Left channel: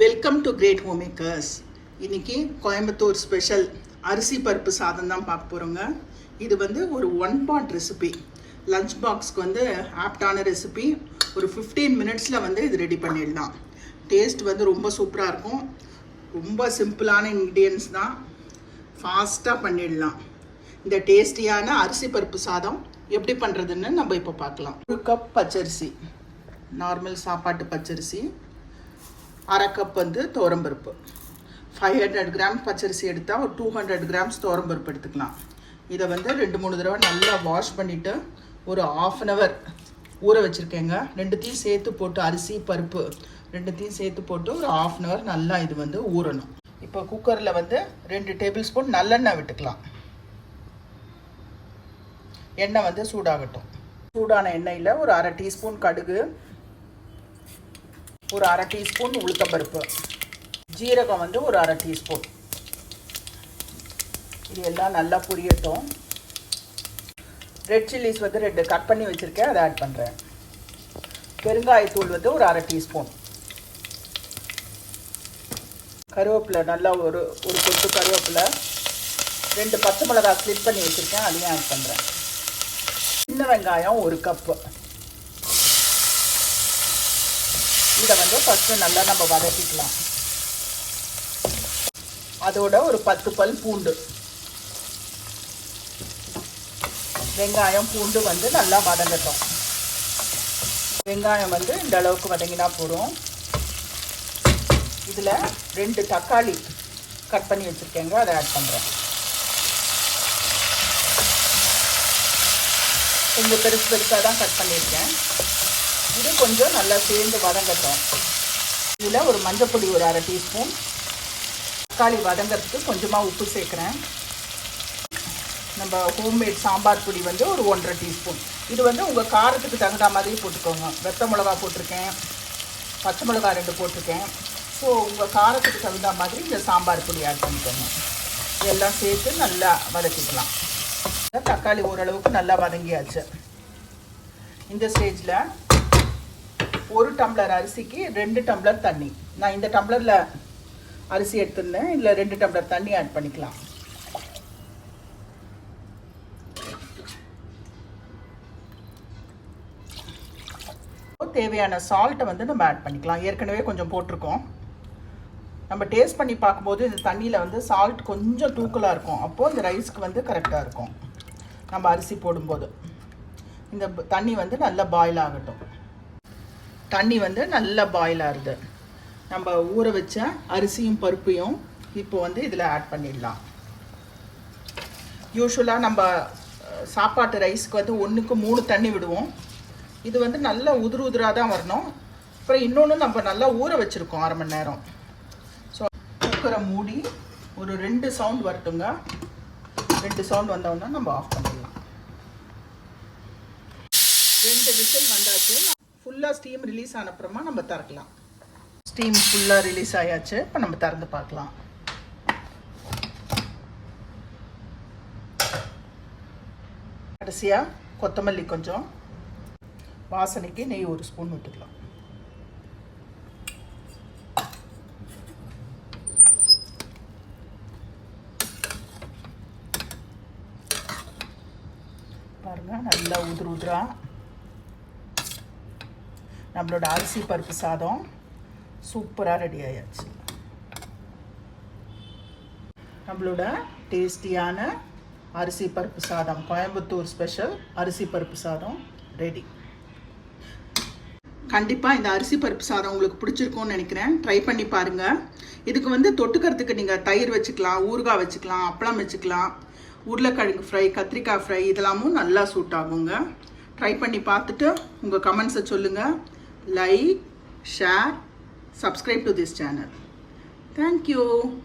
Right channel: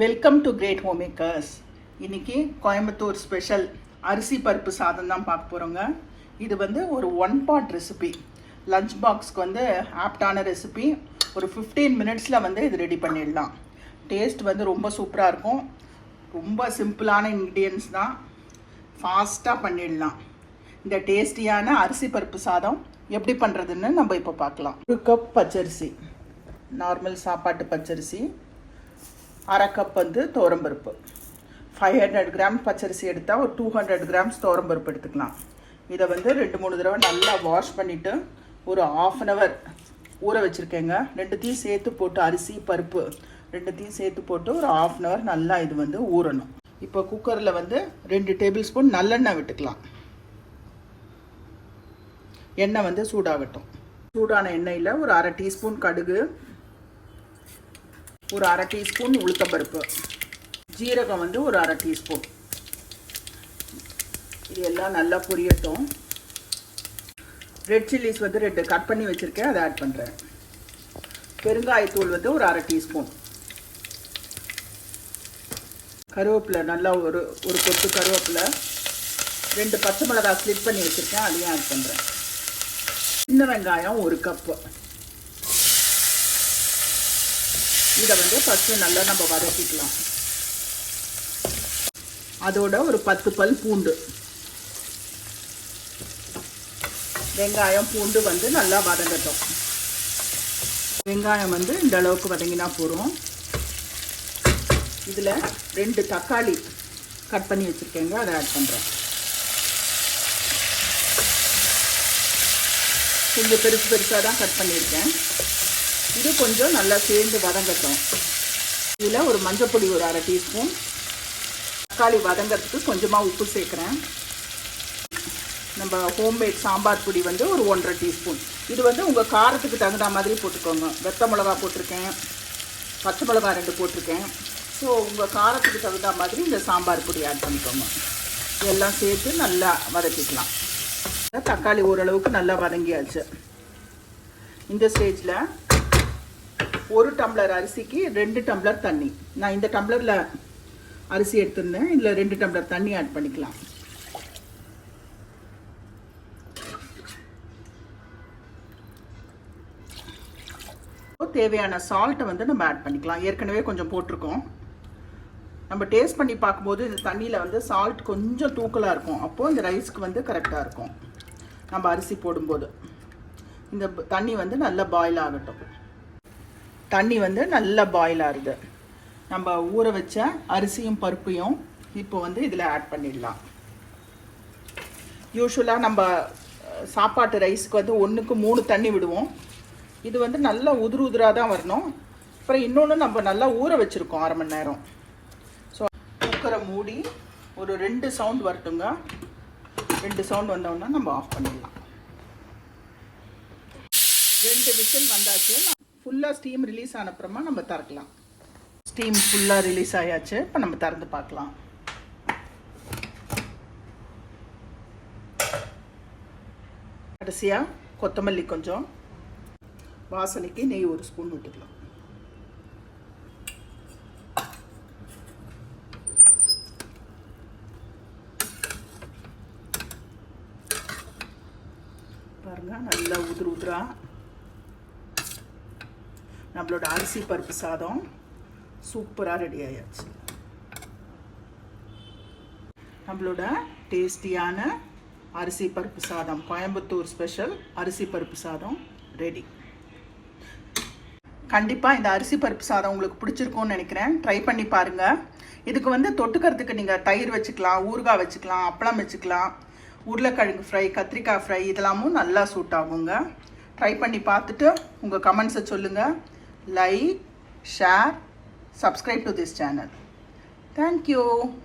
Welcome to great home makers இன்றைக்கி Coimbatore special அரிசி பருப்பு சாதம் தான் பார்க்க போகிறோங்க இது வந்து ஒரு ஒன் பாட் ரெசிபி லஞ்ச் பாக்ஸ்க்கு வந்து ஆப்டான ரெசிபி ஒரு ஃபிஃப்டீன் மினிட்ஸில் வந்து இது ரெடி பண்ணிடலாம். டேஸ்ட் வந்து ரொம்ப சூப்பராக இருக்கும். ரொம்ப சிம்பிளான இன்க்ரீடியன்ஸ் தான் ஃபாஸ்ட்டாக பண்ணிடலாம். இந்த டேஸ்டியான அரிசி பருப்பு சாதம் எப்படி பண்ணுறதுன்னு நம்ம இப்போ பார்க்கலாம். ஒரு கப் பச்சரிசி. நார்மல் சாப்பாட்டு பச்சரிசி. அரை கப் வந்து துவரம்பருப்பு. ஃபைவ் ஹண்ட்ரட் கிராம் பச்சரிசி எடுத்தால் ஒரு டூ ஹண்ட்ரட் கிராம்ஸ் துவரம்பருப்பு எடுத்துக்கலாம். இதை வந்து ரெண்டு மூணு தடவை நல்லா வாஷ் பண்ணிவிட்டு ஒரு ஆஃப் அன் ஹவர் ஊற வச்சுருக்கேங்க. ரெண்டுத்தையும் சேர்த்து போட்டு அரிசி பருப்பு ரெண்டுத்தையும் சேர்த்து போட்டு ஒரு ஆஃப் அன் ஹவர் நல்லா இது வந்து ஊறணும். இப்போ குக்கரில் வந்து ரெண்டு டேபிள் ஸ்பூன் நல்லெண்ணெய் விட்டுக்கலாம். எண்ணெய் வந்து சூடாகட்டும். சூடான எண்ணெயில் ஒரு அரை டீஸ்பூன் கடுகு ஒரு அரை டீஸ்பூன் உளுத்தப்பருப்பு ஜீரகம் வந்து ஒரு அரை டீஸ்பூன். இது எல்லாம் நல்லா புரியட்டும். ரெட் சில்லிஸ் வந்து ரெண்டு கட் பண்ணி வச்சுருக்கேன். அதை ஆட் பண்ணுறேன் பெருங்காயத்தூள் வந்து ஒரு அரை டீஸ்பூன். கருவேப்பிலை நல்லா ஒரு ஒரு கொத்து கருவேப்பிலை. ரெண்டு பச்சை மிளகாய் ஸ்லிப் பண்ணி வச்சுருக்கேன். அதையும் ஆட் பண்ணுறேன் சின்ன வெங்காயம் ஒரு கப்பு இதை வந்து ஃபஸ்ட்டு நல்லா நம்ம வதக்கிக்கலாம். அதோட ஒரு பத்து பல் பூண்டு. வெங்காயம் பூண்டு வந்து நல்லா வதங்கட்டும். வெங்காயம் வந்து இந்த அளவுக்கு வதங்கினா போதும். இதில் ரெண்டு தக்காளி கட் பண்ணி வச்சுருக்கேங்க அதை ஆட் பண்ணுறோம் கொஞ்சம் பெருசு பெருசாக தான் கட் பண்ணியிருக்கேன். வச்சு கொஞ்சம் நல்லா சேர்ந்து வதங்கட்டும். இதில் ஒரு மஞ்சப்பொடி ஒரு அரை டீஸ்பூன். தக்காளி வதங்கிறதுக்கு கொஞ்சமாக உப்பு சேர்க்குறேன். நம்ம ஹோம்மேட் சாம்பார் பொடி வந்து ஒரு ஒன்றரை டீஸ்பூன். இது வந்து உங்கள் காரத்துக்கு தகுந்த மாதிரி போட்டுக்கோங்க. வெத்த மிளகா போட்டிருக்கேன். பச்சை மிளகா ரெண்டு போட்டிருக்கேன். ஸோ உங்கள் காரத்துக்கு தகுந்த மாதிரி இந்த சாம்பார் பொடி ஆட் பண்ணிக்கோங்க. இதெல்லாம் சேர்த்து நல்லா வதக்கிக்கலாம். தக்காளி ஓரளவுக்கு நல்லா வதங்கியாச்சு. இந்த ஸ்டேஜில் ஒரு டம்ளர் அரிசிக்கு ரெண்டு டம்ளர் தண்ணி. நான் இந்த டம்ளரில் அரிசி எடுத்திருந்தேன். இதில் ரெண்டு டம்ளர் தண்ணி ஆட் பண்ணிக்கலாம். தேவையான சால்ட்டை வந்து நம்ம ஆட் பண்ணிக்கலாம். ஏற்கனவே கொஞ்சம் போட்டிருக்கோம். நம்ம டேஸ்ட் பண்ணி பார்க்கும்போது இந்த தண்ணியில் வந்து சால்ட் கொஞ்சம் தூக்கலாக இருக்கும். அப்போது இந்த ரைஸ்க்கு வந்து கரெக்டாக இருக்கும். நம்ம அரிசி போடும்போது. இந்த தண்ணி வந்து நல்லா பாயில் ஆகட்டும். தண்ணி வந்து நல்லா பாயில் ஆகுது. நம்ம ஊற வச்ச அரிசியும் பருப்பையும் இப்போ வந்து இதில் ஆட் பண்ணிடலாம். யூஸ்வலாக நம்ம சாப்பாட்டு ரைஸ்க்கு வந்து ஒன்றுக்கு மூணு தண்ணி விடுவோம். இது வந்து நல்லா உதிரு உதிராக தான் வரணும். அப்புறம் இன்னொன்று நம்ம நல்லா ஊற வச்சுருக்கோம் அரை மணி நேரம். ஸோ குக்கரை மூடி ஒரு ரெண்டு சவுண்ட் வரட்டுங்க. ரெண்டு சவுண்ட் வந்தோடனே நம்ம ஆஃப் பண்ணிடலாம். ரெண்டு விசில் வந்தாச்சு. ஃபுல்லாக ஸ்டீம் ரிலீஸ் ஆனப்புறமா நம்ம திறக்கலாம். ஸ்டீம் ஃபுல்லாக ரிலீஸ் ஆயாச்சு. இப்போ நம்ம திறந்து பார்க்கலாம். கடைசியாக கொத்தமல்லி கொஞ்சம். வாசனைக்கு நெய் ஒரு ஸ்பூன் விட்டுக்கலாம் பாருங்க நல்லா உதிர் உதிரா நம்மளோட அரிசி பருப்பு சாதம் சூப்பராக ரெடி ஆயாச்சு. நம்மளோட டேஸ்டியான அரிசி பருப்பு சாதம் கோயம்புத்தூர் ஸ்பெஷல் அரிசி பருப்பு சாதம் ரெடி கண்டிப்பாக இந்த அரிசி பருப்பு சாதம் உங்களுக்கு பிடிச்சிருக்கும்னு நினைக்கிறேன். ட்ரை பண்ணி பாருங்கள் இதுக்கு வந்து தொட்டுக்கிறதுக்கு நீங்கள் தயிர் வச்சுக்கலாம் ஊறுகாய் வச்சுக்கலாம் அப்பளம் வச்சுக்கலாம் உருளைக்கிழங்கு ஃப்ரை கத்திரிக்காய் ஃப்ரை இதெல்லாமும் நல்லா சூட் ஆகுங்க. ட்ரை பண்ணி பார்த்துட்டு உங்கள் கமெண்ட்ஸை சொல்லுங்கள் like, share, subscribe to this channel. Thank you.